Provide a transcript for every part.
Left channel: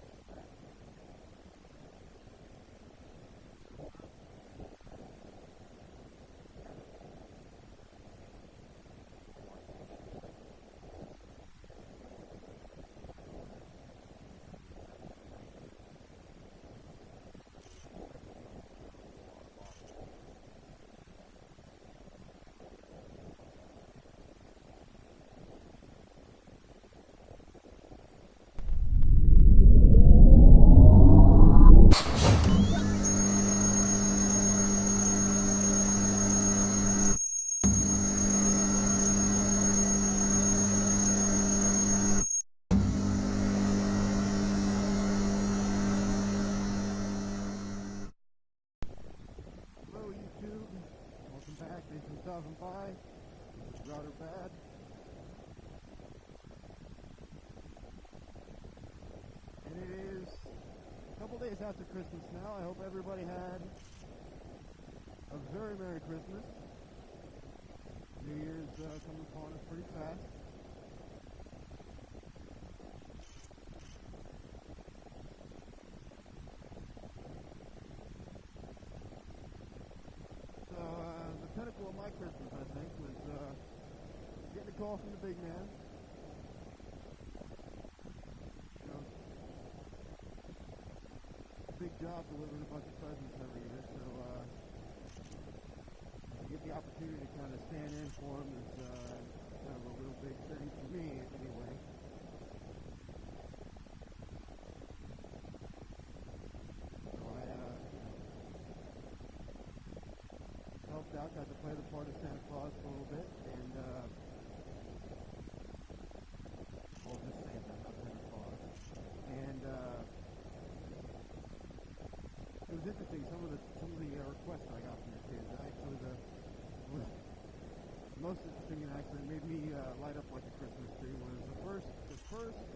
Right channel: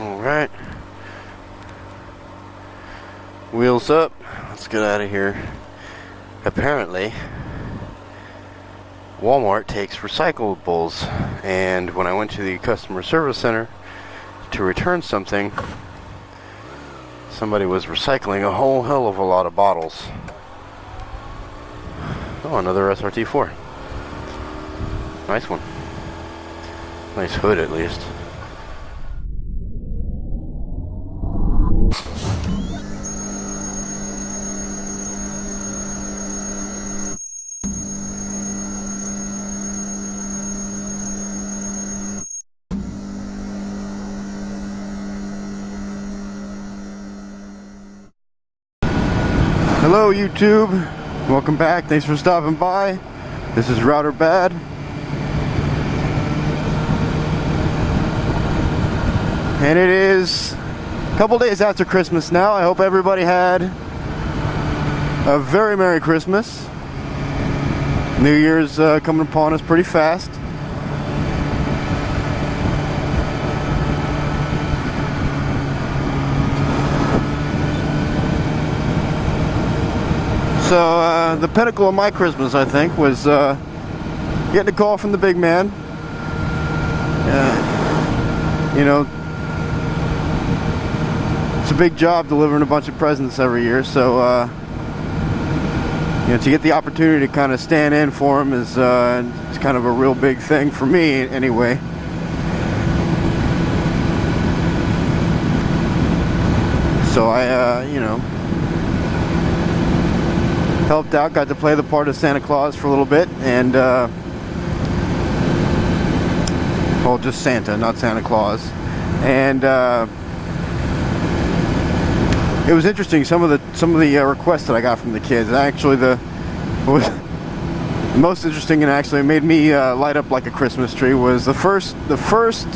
Alright. Wheels up. Let's get out of here. Apparently, Walmart takes recyclables, and when I went to the customer service center to return something, somebody was recycling a whole hell of a lot of bottles. Oh, another SRT4. Nice one. Nice hood, at least. Hello YouTube, welcome back, thanks for stopping by. This is Router Bad. And it is a couple days after Christmas now. I hope everybody had a very Merry Christmas. New Year's coming upon us pretty fast. So the pinnacle of my Christmas, I think, was getting a call from the big man. You know, it's a big job delivering a bunch of presents every year, so you know, to get the opportunity to kind of stand in for him is it's kind of a real big thing for me, anyway. So I, you know, helped out, got to play the part of Santa Claus for a little bit, and well, just Santa, not Santa Claus. And it was interesting, some of the requests that I got from the kids. Actually, what was most interesting, and actually made me light up like a Christmas tree, was the first request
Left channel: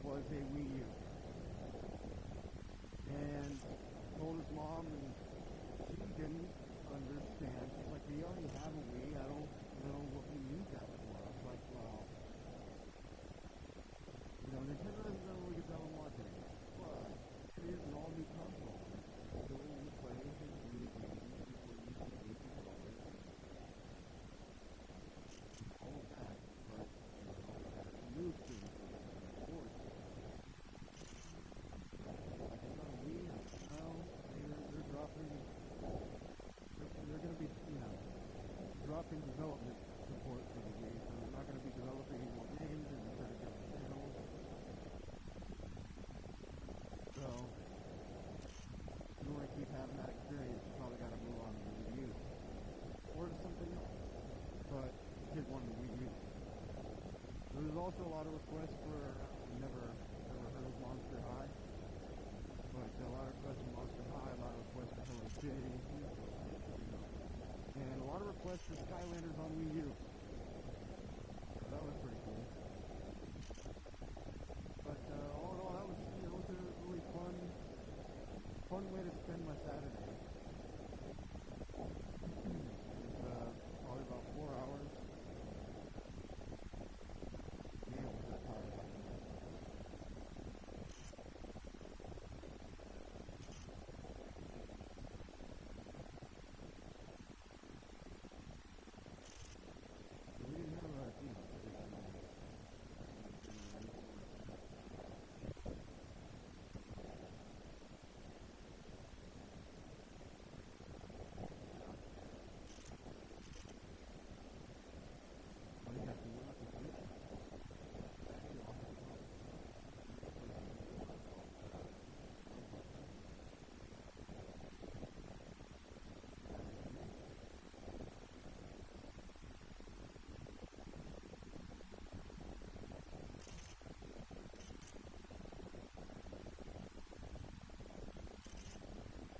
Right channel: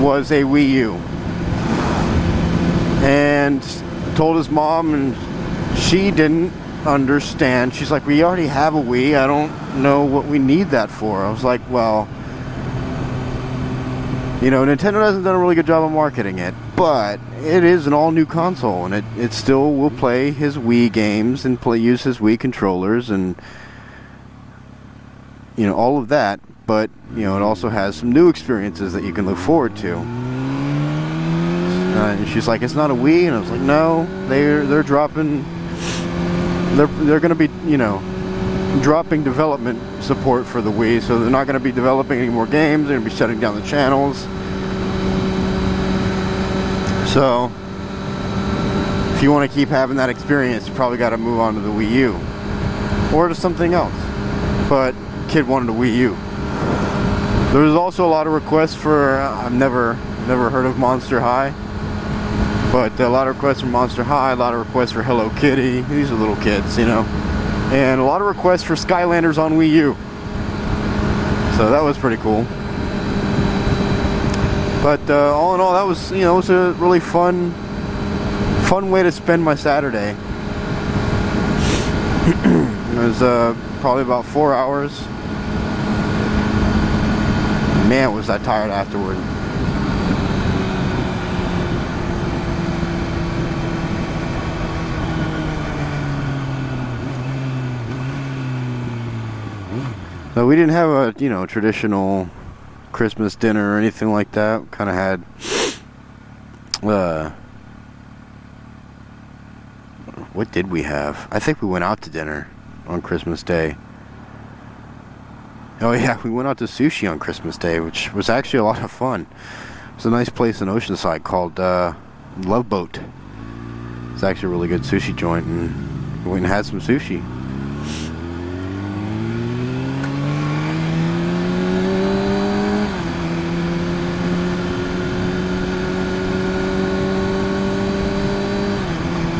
was a Wii U, and told his mom, and she didn't understand. She's like, we already have a Wii. I don't know what we need that for. I was like, well, you know, Nintendo hasn't done a really good job of marketing it, but it is an all-new console, and it still will play his Wii games and use his Wii controllers and, you know, all of that. But, you know, it also has some new experiences that you can look forward to. And she's like, it's not a Wii, and I was like, no, they're dropping. They're going to be, you know, dropping development support for the Wii, so they're not going to be developing any more games. They're going to be shutting down the channels. So, if you want to keep having that experience, you probably got to move on to the Wii U or to something else. But kid wanted a Wii U. There was also a lot of requests for I've never heard of Monster High. But a lot of requests for Monster High, a lot of requests for Hello Kitty. These are little kids, you know. And a lot of requests for Skylanders on Wii U. So that was pretty cool. But all in all, that was, you know, it was a really fun way to spend my Saturday. It was probably about 4 hours. Man, was I tired afterward. So we didn't have a, you know, traditional Christmas dinner or anything like that. Kind of had, what did we have? I think we went out to dinner on Christmas Day. Oh yeah, we went out to sushi on Christmas Day, which was actually a lot of fun. It was a nice place in Oceanside called Love Boat. It's actually a really good sushi joint, and we went and had some sushi.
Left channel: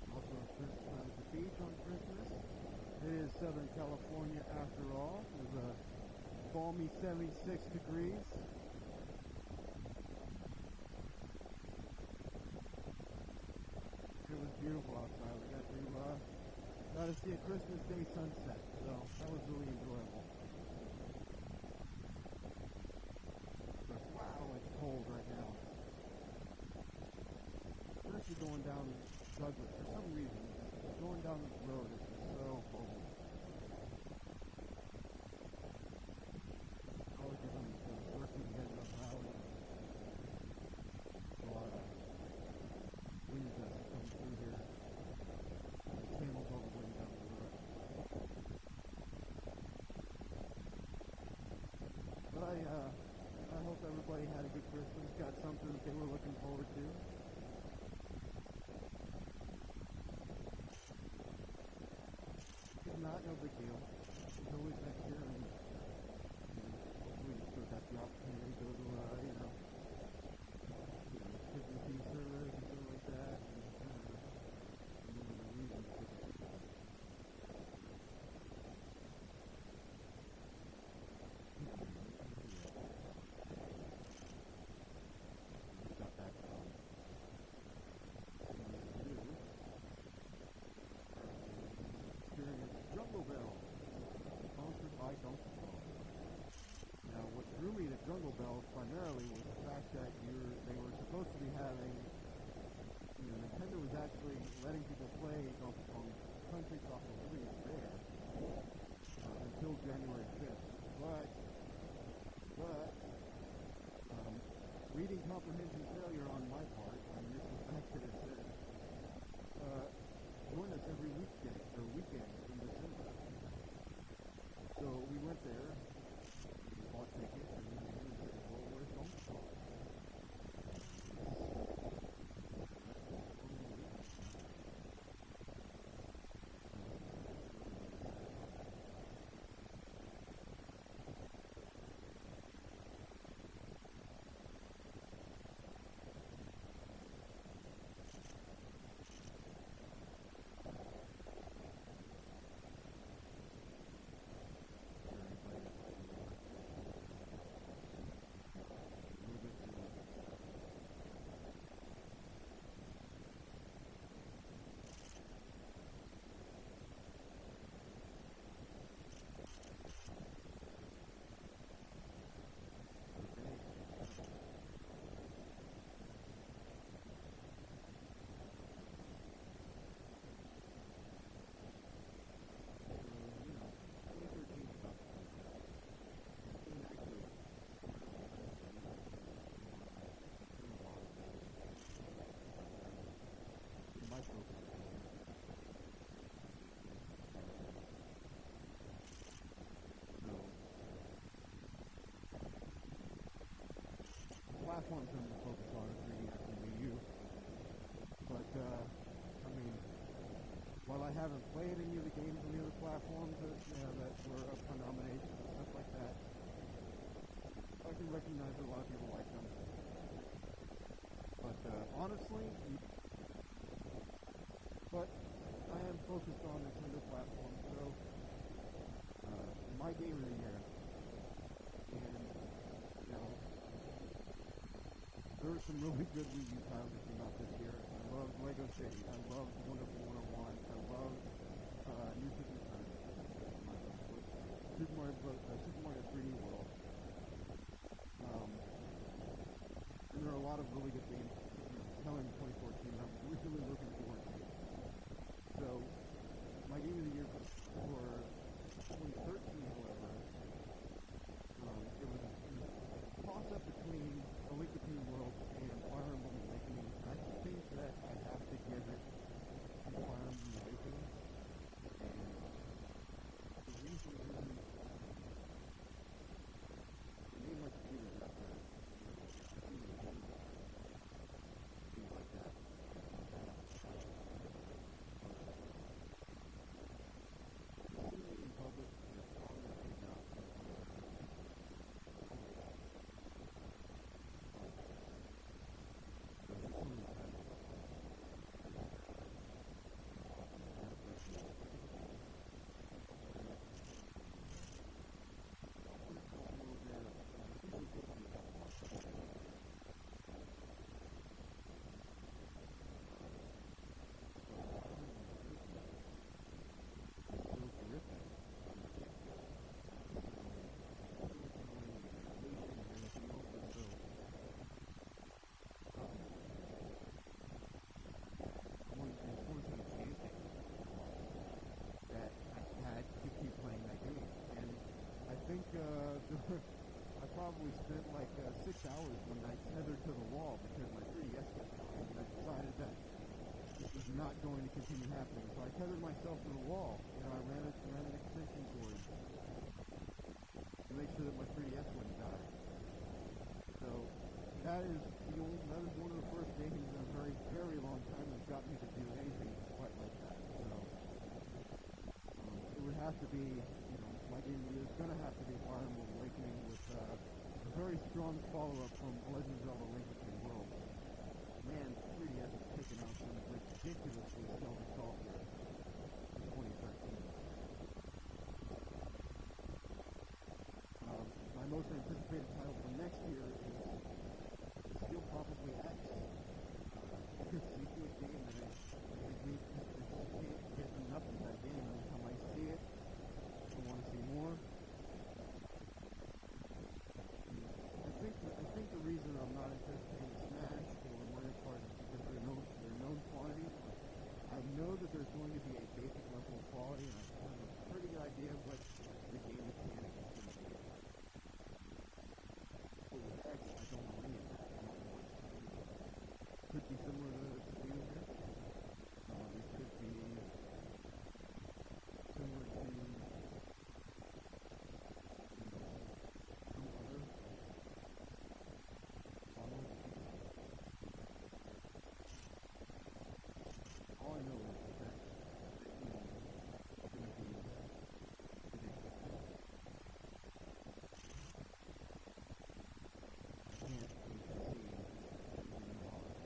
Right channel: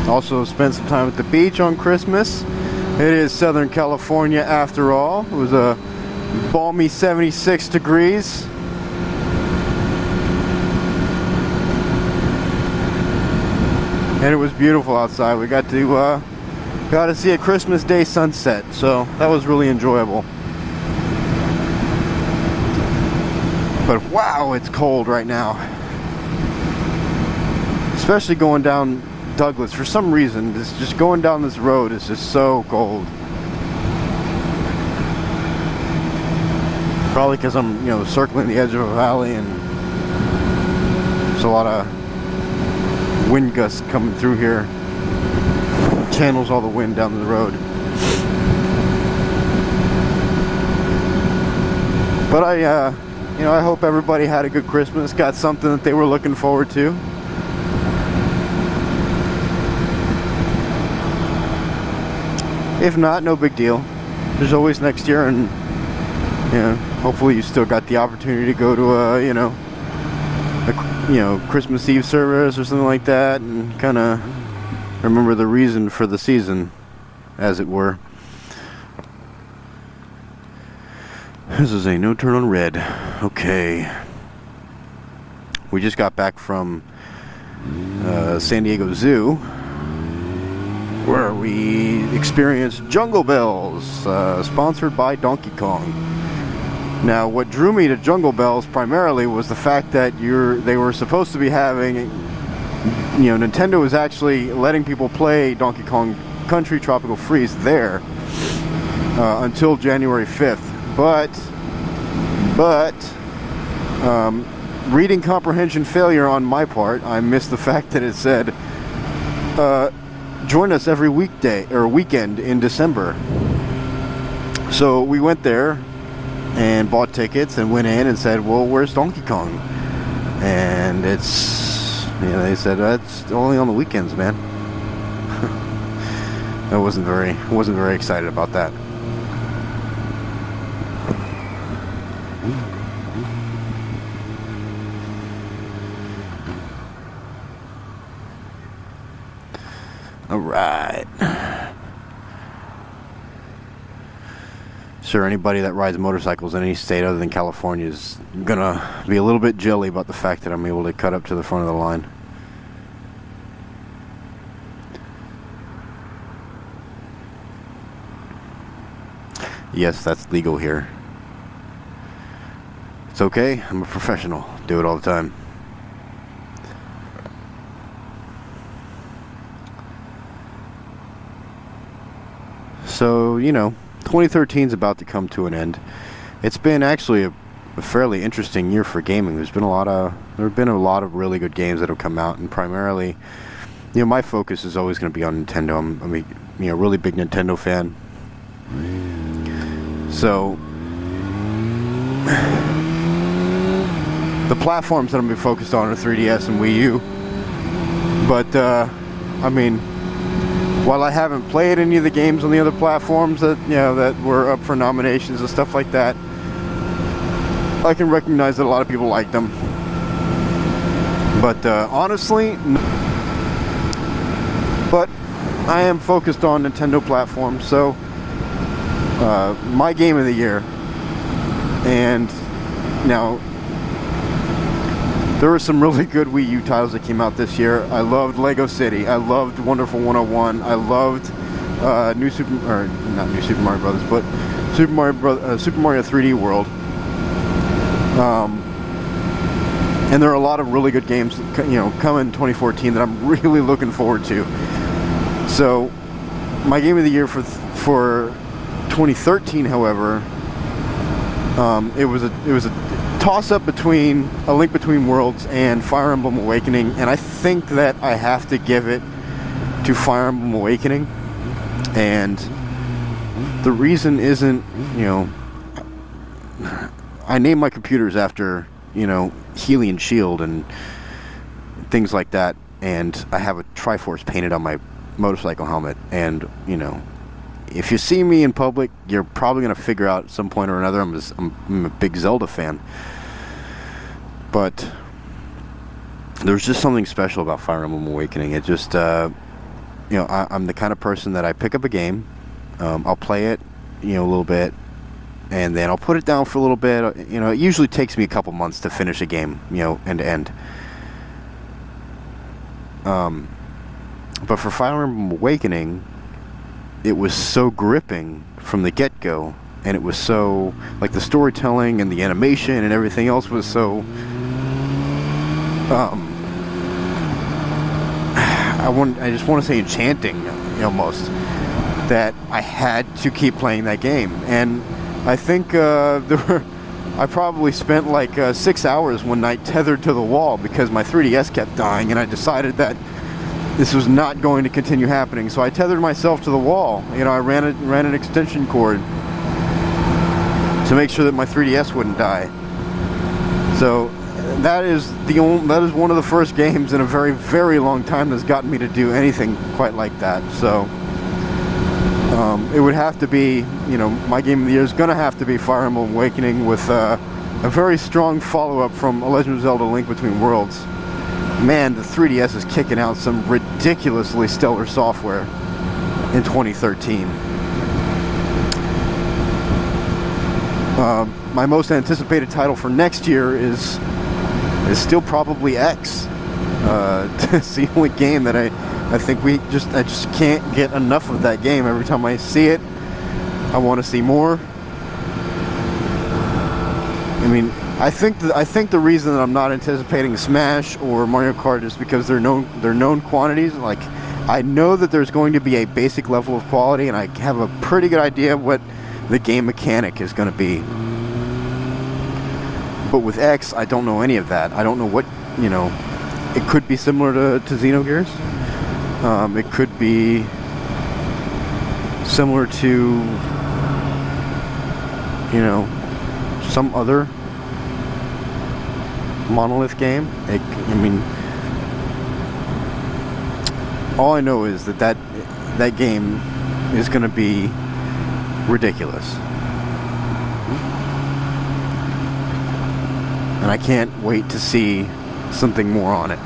Also spent some time at the beach on Christmas. It is Southern California after all. It was a balmy 76 degrees. And it was beautiful outside. We got to see a Christmas Day sunset, so that was really enjoyable. But wow, it's cold right now. Especially going down Douglas. For some reason, just going down this road is just so cold. Probably because I'm, you know, circling the edge of a valley and there's a lot of wind gusts coming through here. Channels all the wind down the road. But you know, I hope everybody had a good Christmas, got something that they were looking forward to. If not, no big deal. There's always next year, and you know, hopefully you still got the opportunity to go to a, you know, Christmas Eve service or something like that, and kind of remember the reason for the season, as it were. This is a no turn on red. Okay. We just got back from San Diego Zoo, where we experienced Jungle Bells, sponsored by Donkey Kong. Now, what drew me to Jungle Bells primarily was the fact that they were supposed to be having, you know, Nintendo was actually letting people play Donkey Kong Country Tropical Freeze there until January 5th. But reading comprehension failure on my part, I missed the fact that it said, join us every weekday or weekend in December. So we went there and bought tickets and went in and said, well, where's Donkey Kong? And it's, you know, they said, that's only on the weekends, man. I wasn't very excited about that. All right. Sure, anybody that rides motorcycles in any state other than California is gonna be a little bit jelly about the fact that I'm able to cut up to the front of the line. Yes, that's legal here. It's okay, I'm a professional. Do it all the time. So, you know, 2013 is about to come to an end. It's been actually a fairly interesting year for gaming. There have been a lot of really good games that have come out, and primarily, you know, my focus is always going to be on Nintendo. I'm a, you know, really big Nintendo fan. So the platforms that I'm going to be focused on are 3DS and Wii U. But I mean, while I haven't played any of the games on the other platforms that, you know, that were up for nominations and stuff like that, I can recognize that a lot of people like them. But honestly, but I am focused on Nintendo platforms, so my game of the year, and now there were some really good Wii U titles that came out this year. I loved Lego City. I loved Wonderful 101. I loved not New Super Mario Brothers, but Super Mario 3D World. And there are a lot of really good games, you know, coming in 2014 that I'm really looking forward to. So, my game of the year for 2013, however, it was a toss-up between A Link Between Worlds and Fire Emblem Awakening, and I think that I have to give it to Fire Emblem Awakening. And the reason isn't, you know, I named my computers after, you know, Hylian Shield and things like that, and I have a Triforce painted on my motorcycle helmet, and, you know, if you see me in public, you're probably going to figure out at some point or another I'm a big Zelda fan. But there's just something special about Fire Emblem Awakening. It just, you know, I'm the kind of person that I pick up a game, I'll play it, you know, a little bit, and then I'll put it down for a little bit. You know, it usually takes me a couple months to finish a game, you know, end to end. But for Fire Emblem Awakening, it was so gripping from the get-go, and it was so, like, the storytelling and the animation and everything else was so I just want to say enchanting, almost, that I had to keep playing that game. And I think I probably spent like 6 hours one night tethered to the wall because my 3DS kept dying, and I decided that this was not going to continue happening. So I tethered myself to the wall. I ran an extension cord to make sure that my 3DS wouldn't die. So that is one of the first games in a very, very long time that's gotten me to do anything quite like that. So it would have to be, my game of the year is going to have to be Fire Emblem Awakening, with a very strong follow-up from A Legend of Zelda: Link Between Worlds. Man, the 3DS is kicking out some ridiculously stellar software in 2013. My most anticipated title for next year is still probably X. It's the only game that I think I just can't get enough of that game. Every time I see it, I want to see more. I mean, I think the reason that I'm not anticipating Smash or Mario Kart is because they're known quantities. Like, I know that there's going to be a basic level of quality, and I have a pretty good idea of what the game mechanic is going to be. But with X, I don't know any of that. I don't know what, it could be similar to Xenogears. It could be similar to, some other Monolith game. All I know is that game is going to be ridiculous. And I can't wait to see something more on it.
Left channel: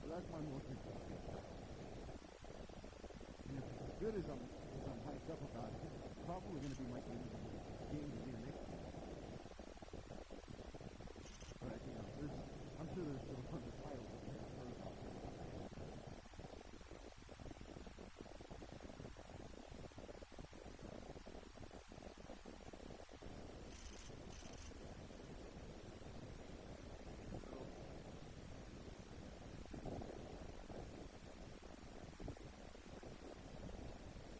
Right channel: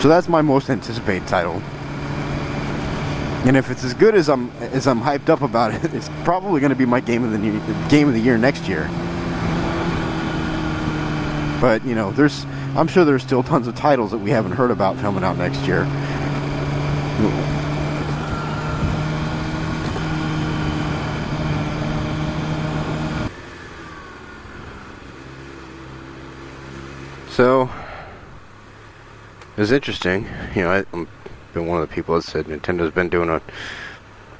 So that's my most anticipated title. And if it's as good as I'm hyped up about it, it's probably going to be my game of the year next year. But I'm sure there's still tons of titles that we haven't heard about coming out next year. So it was interesting. I've been one of the people that said Nintendo's been doing a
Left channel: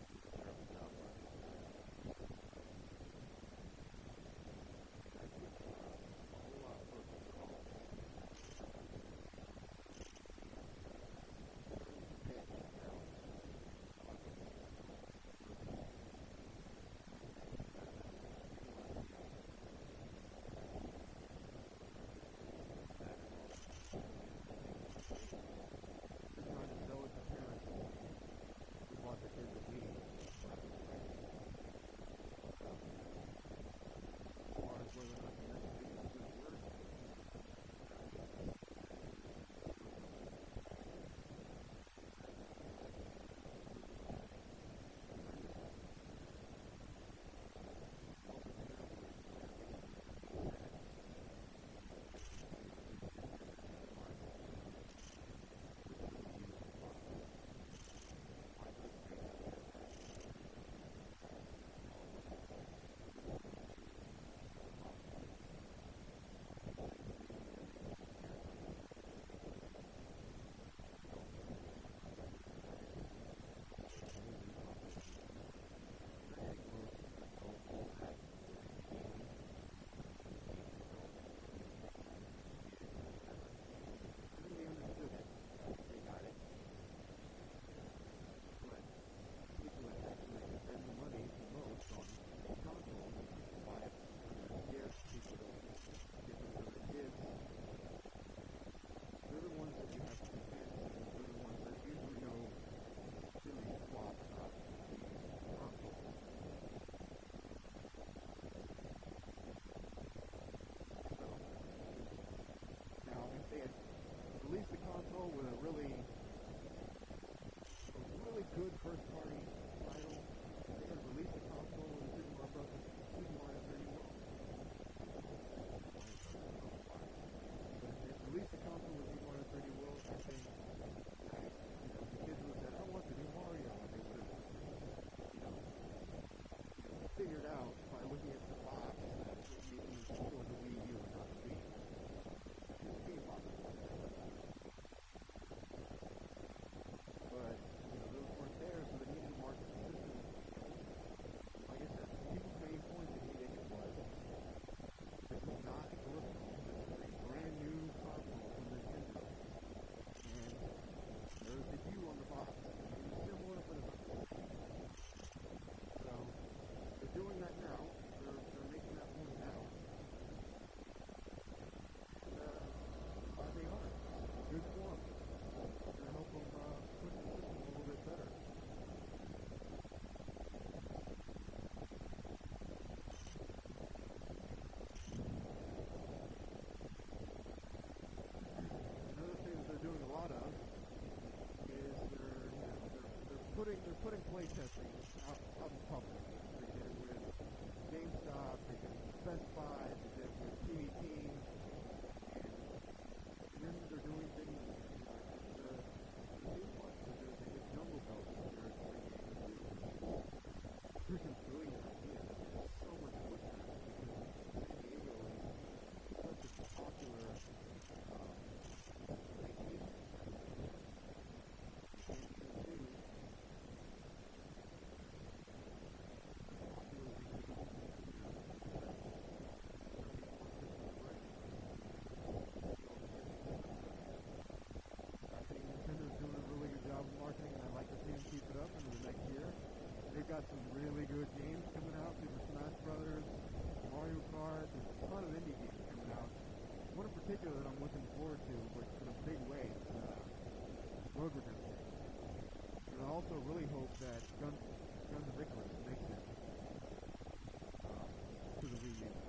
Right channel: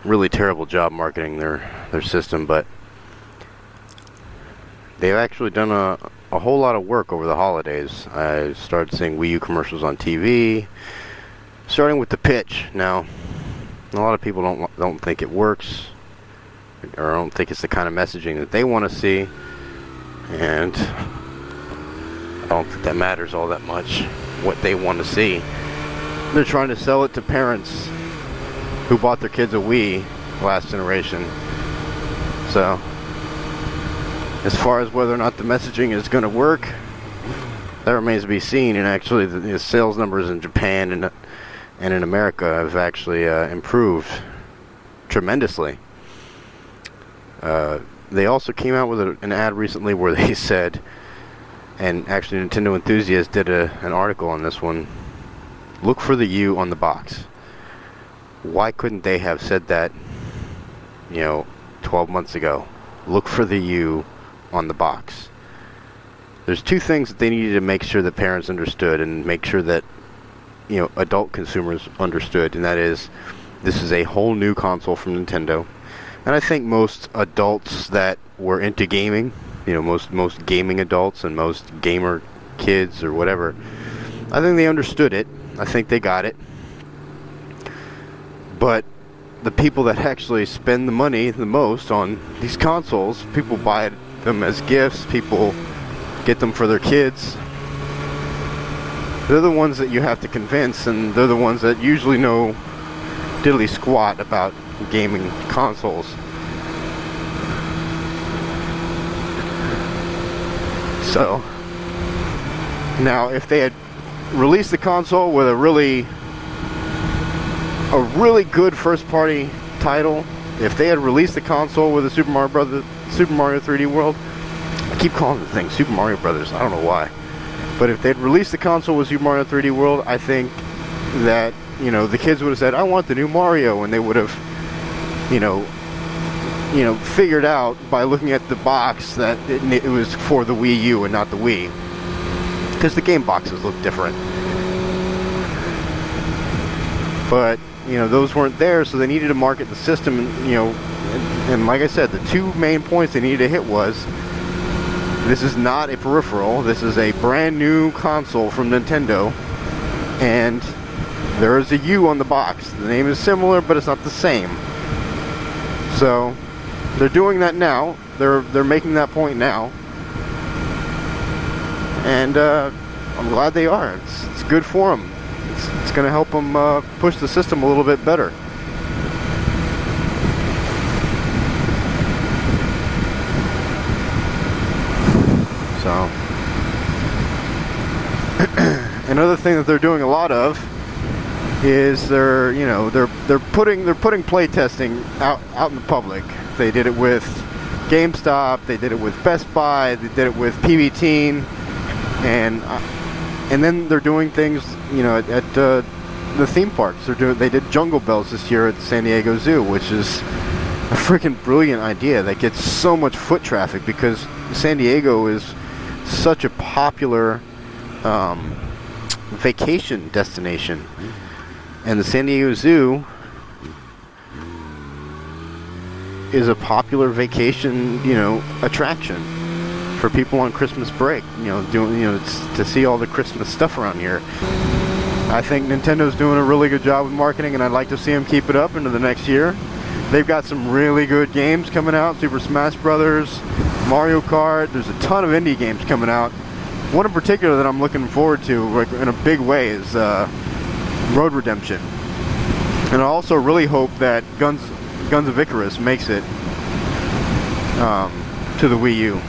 really terrible job marketing their system, but they've actually done a whole lot of work over the holidays. I started seeing Wii U commercials on TV, starting with the pitch. Now, a lot of people don't think it works, or don't think it's the kind of messaging that they want to see, and I don't think that matters all that much what they want to see. They're trying to sell it to parents who bought their kids a Wii last generation. So, as far as whether or not the messaging is going to work, that remains to be seen. And actually, the sales numbers in Japan and in America have actually improved tremendously. They also came out with an ad recently where they said, and actually Nintendo Enthusiast did an article on this one, look for the U on the box. Why couldn't they have said that, 12 months ago? Look for the U on the box. There's two things that they needed to make sure that parents understood and make sure that, adult consumers understood, and that is, this is a whole new console from Nintendo. And I think most adults that were into gaming, most gaming adults and most gamer kids or whatever, I think they understood it. I think they got it. But the people that actually spend the money the most on these consoles, people buy them as gifts, people get them for their kids, they're the ones that you have to convince, and they're the ones that usually know diddly squat about gaming consoles. So, now if they had released the console with a really good first-party title, if they had released the console with a Super Mario 3D World, I keep calling the thing Super Mario Brothers, I don't know why, but if they'd released the console with Super Mario 3D World, I think that, the kids would have said, I want the new Mario, and they would have, you know, figured out by looking at the box that it was for the Wii U and not the Wii, because the game boxes look different. But you know, those weren't there, so they needed to market the system. And, you know, and like I said, the two main points they needed to hit was, this is not a peripheral, this is a brand new console from Nintendo, and there is a U on the box. The name is similar, but it's not the same. So they're doing that now. They're making that point now, and I'm glad they are. It's good for them. It's going to help them push the system a little bit better. So another thing that they're doing a lot of is they're putting play testing out in the public. They did it with GameStop, they did it with Best Buy, they did it with PB Teen, and then they're doing things, you know, at the theme parks. They did Jungle Bells this year at San Diego Zoo, which is a freaking brilliant idea that gets so much foot traffic, because San Diego is such a popular vacation destination, and the San Diego Zoo is a popular vacation, you know, attraction for people on Christmas break. You know, to see all the Christmas stuff around here. I think Nintendo's doing a really good job with marketing, and I'd like to see them keep it up into the next year. They've got some really good games coming out: Super Smash Brothers, Mario Kart. There's a ton of indie games coming out. One in particular that I'm looking forward to, like, in a big way, is Road Redemption. And I also really hope that Guns of Icarus makes it to the Wii U.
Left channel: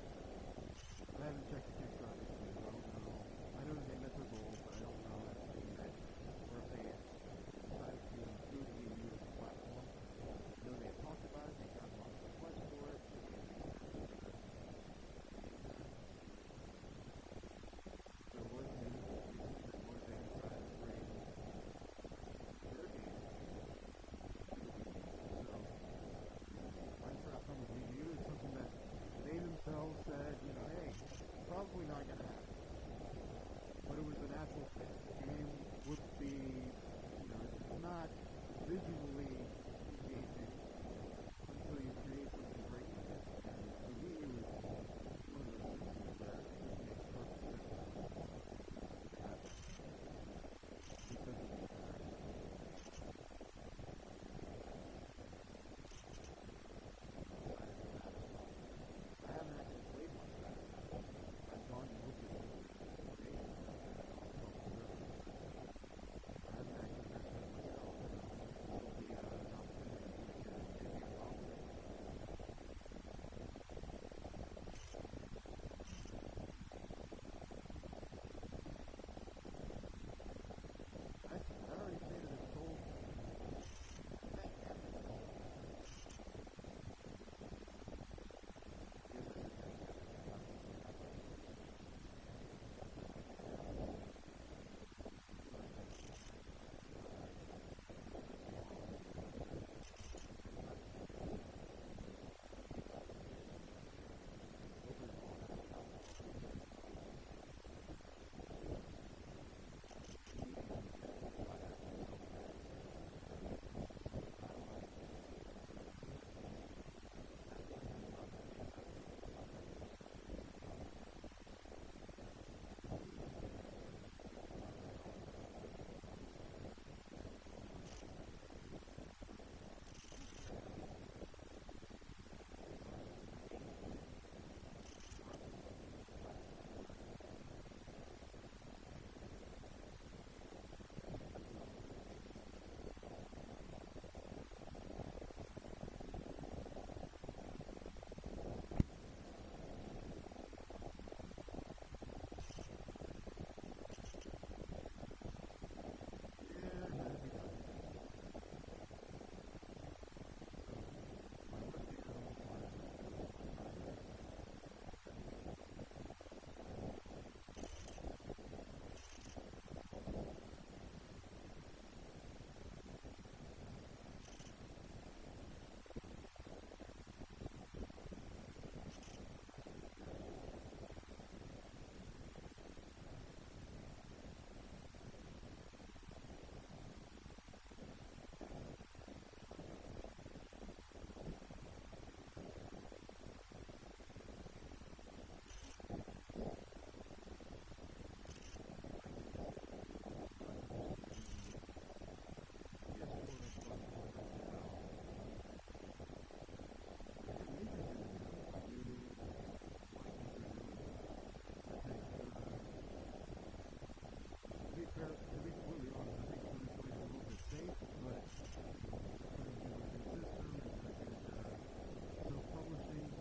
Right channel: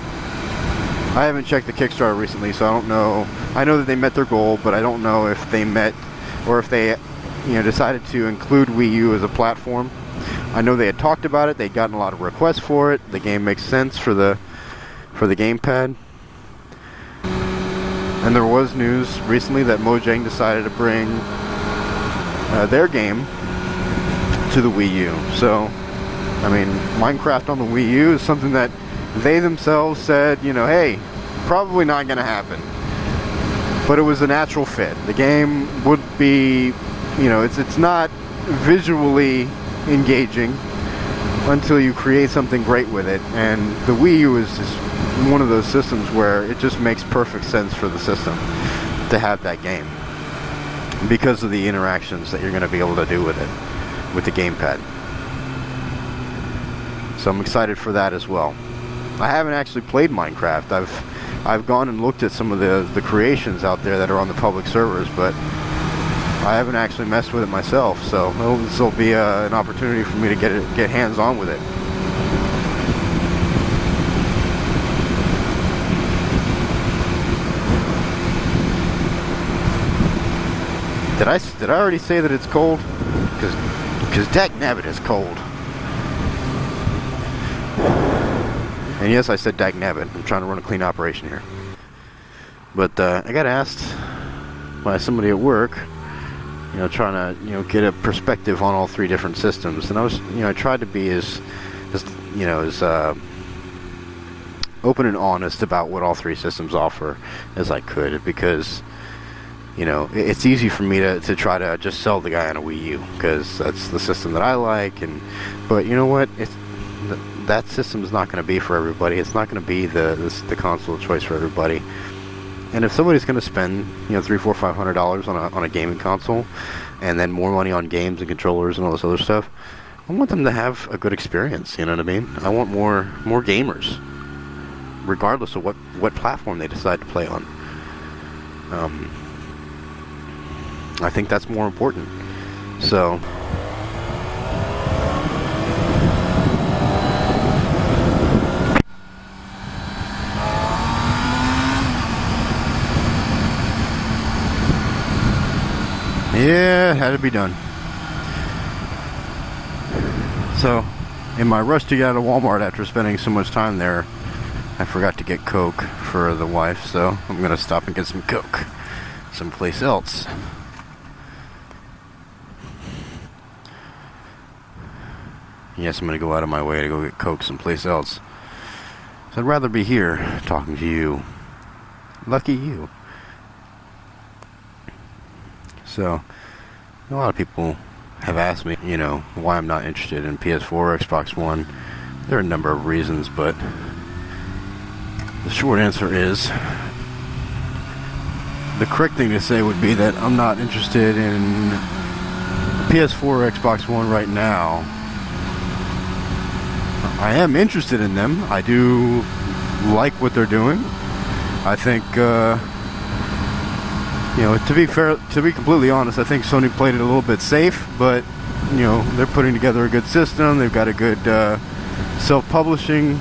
I haven't checked the Kickstarter recently, so I don't know. I know that they met their goal, but I don't know if they met, or if they, you know, decided to include Wii U as a platform. I know they had talked about it. They'd gotten a lot of requests for it. The game makes sense for the gamepad. And there was news recently that Mojang decided to bring their game to the Wii U. So, I mean, Minecraft on the Wii U is something that they themselves said, you know, hey, probably not going to happen. But it was a natural fit. The game would be, you know, it's not visually engaging until you create something great with it. And the Wii U is just one of those systems where it just makes perfect sense for the system to have that game, because of the interactions that you're going to be able to do with it, with the gamepad. So I'm excited for that as well. I haven't actually played Minecraft. I've gone and looked at some of the creations out there that are on the public servers, but I haven't actually messed with it myself. So this will be an opportunity for me to get hands on with it. Did I already say that it's cold? Because dagnabbit is cold. And yes, I said dagnabbit. I'm trying to run a clean operation here. But I got asked by somebody at work, you know, trying to, you know, get a perspective on all three different systems. And I was, you know, I tried to be as open and honest about what all three systems offer as I could, because, you know, it's easy for me to try to just sell the guy on a Wii U, because that's the system that I like. But you know what? That system is not going to be for everybody. It's not going to be the console of choice for everybody. And if somebody's going to spend, you know, $300, $400, $500 on a gaming console, and then more money on games and controllers and all this other stuff, I want them to have a good experience. You know what I mean? I want more gamers, regardless of what platform they decide to play on. I think that's more important. So. Yeah, it had to be done. So, in my rush to get out of Walmart after spending so much time there, I forgot to get Coke for the wife, so I'm going to stop and get some Coke someplace else. Yes, I'm going to go out of my way to go get Coke someplace else. So I'd rather be here talking to you. Lucky you. So, a lot of people have asked me, you know, why I'm not interested in PS4 or Xbox One. There are a number of reasons, but the short answer is, the correct thing to say would be that I'm not interested in PS4 or Xbox One right now. I am interested in them. I do like what they're doing. I think, you know, to be fair, to be completely honest, I think Sony played it a little bit safe, but, you know, they're putting together a good system. They've got a good self-publishing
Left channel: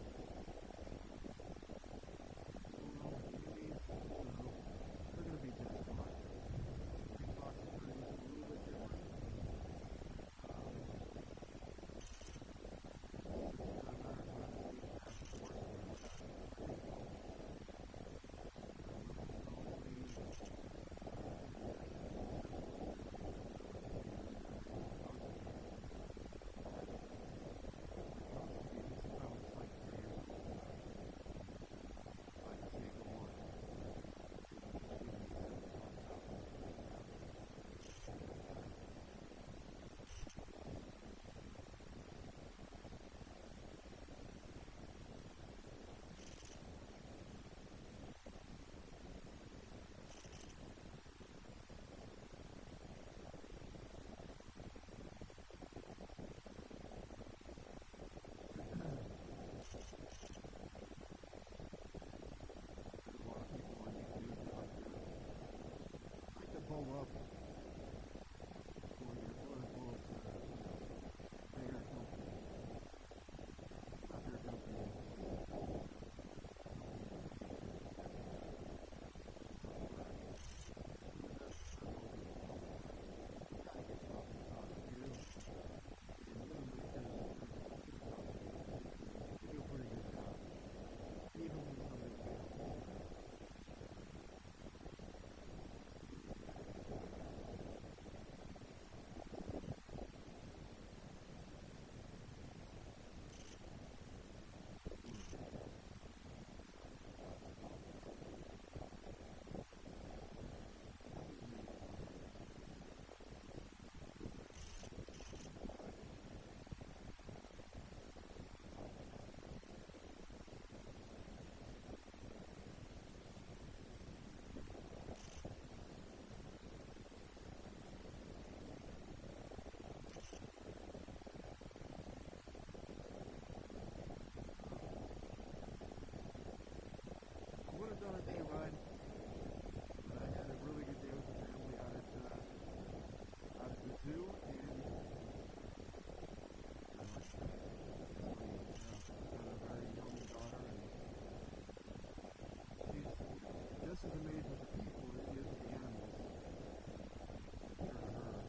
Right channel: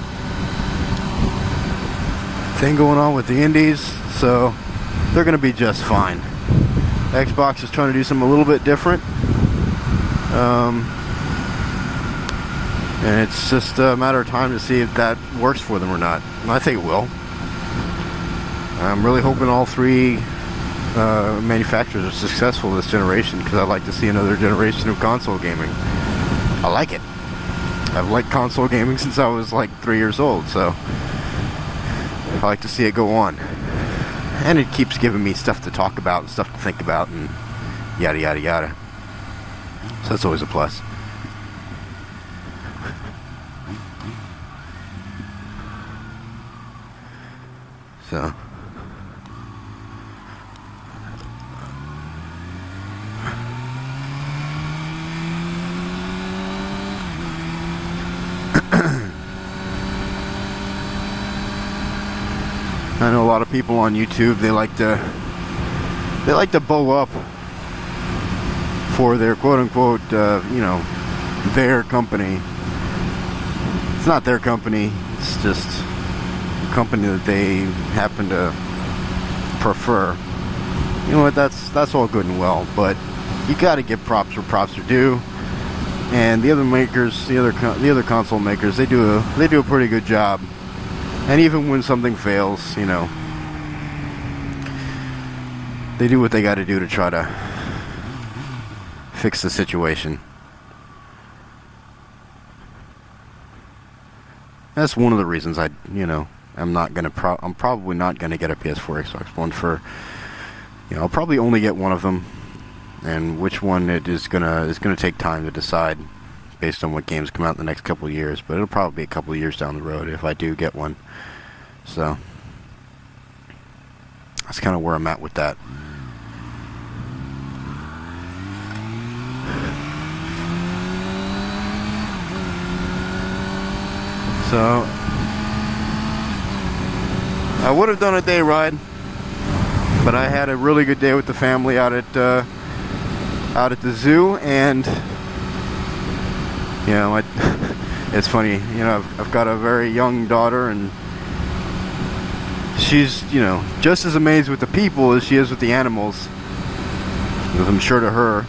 thing going on with the indies, so they're going to be just fine. Xbox is trying to do something a little bit different, and it's just a matter of time to see if that works for them or not. And I think it will. I'm really hoping all three manufacturers are successful this generation, because I'd like to see another generation of console gaming. I like it. I've liked console gaming since I was like 3 years old, so I like to see it go on. And it keeps giving me stuff to talk about and stuff to think about and yada yada yada. So that's always a plus. So I know a lot of people on YouTube, they like to bow up for their quote-unquote, you know, their company. It's not their company, it's just a company that they happen to prefer. You know what, that's all good and well, but you gotta give props where props are due. And the other makers, the other console makers, they do a pretty good job. And even when something fails, you know, they do what they got to do to try to fix the situation. That's one of the reasons I'm probably not gonna get a PS4, Xbox One for, you know, I'll probably only get one of them, and which one it is gonna take time to decide, based on what games come out in the next couple of years. But it'll probably be a couple of years down the road if I do get one. So that's kind of where I'm at with that. So I would have done a day ride, but I had a really good day with the family out at the zoo, and you know, it's funny, you know, I've got a very young daughter, and she's, you know, just as amazed with the people as she is with the animals, because I'm sure to her,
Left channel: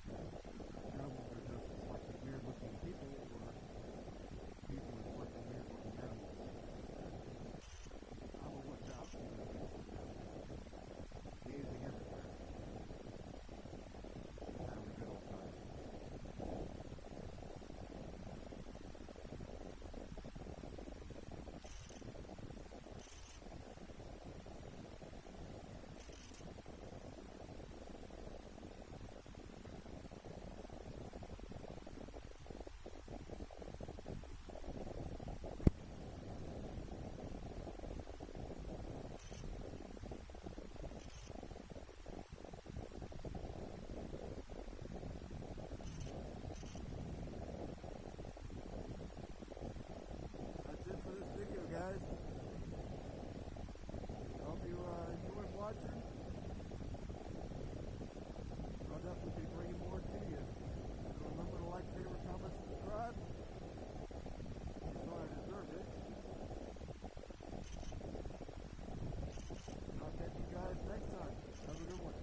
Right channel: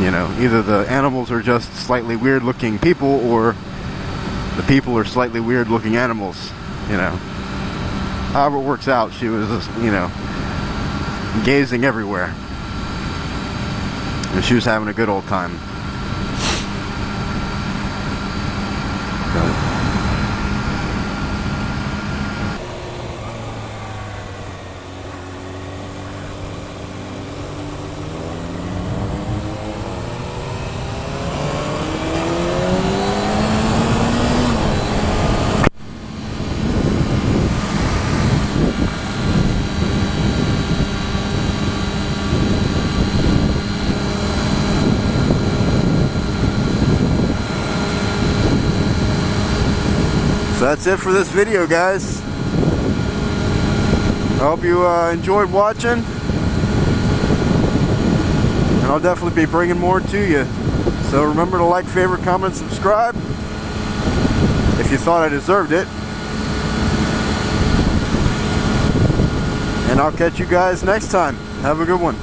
you know, either the animals are just slightly weird looking people, or the people are slightly weird looking animals, you know. However it works out, she was, you know, gazing everywhere, and she was having a good old time. So that's it for this video, guys. I hope you enjoyed watching, and I'll definitely be bringing more to you. So remember to like, favorite, comment, subscribe if you thought I deserved it. And I'll catch you guys next time. Have a good one.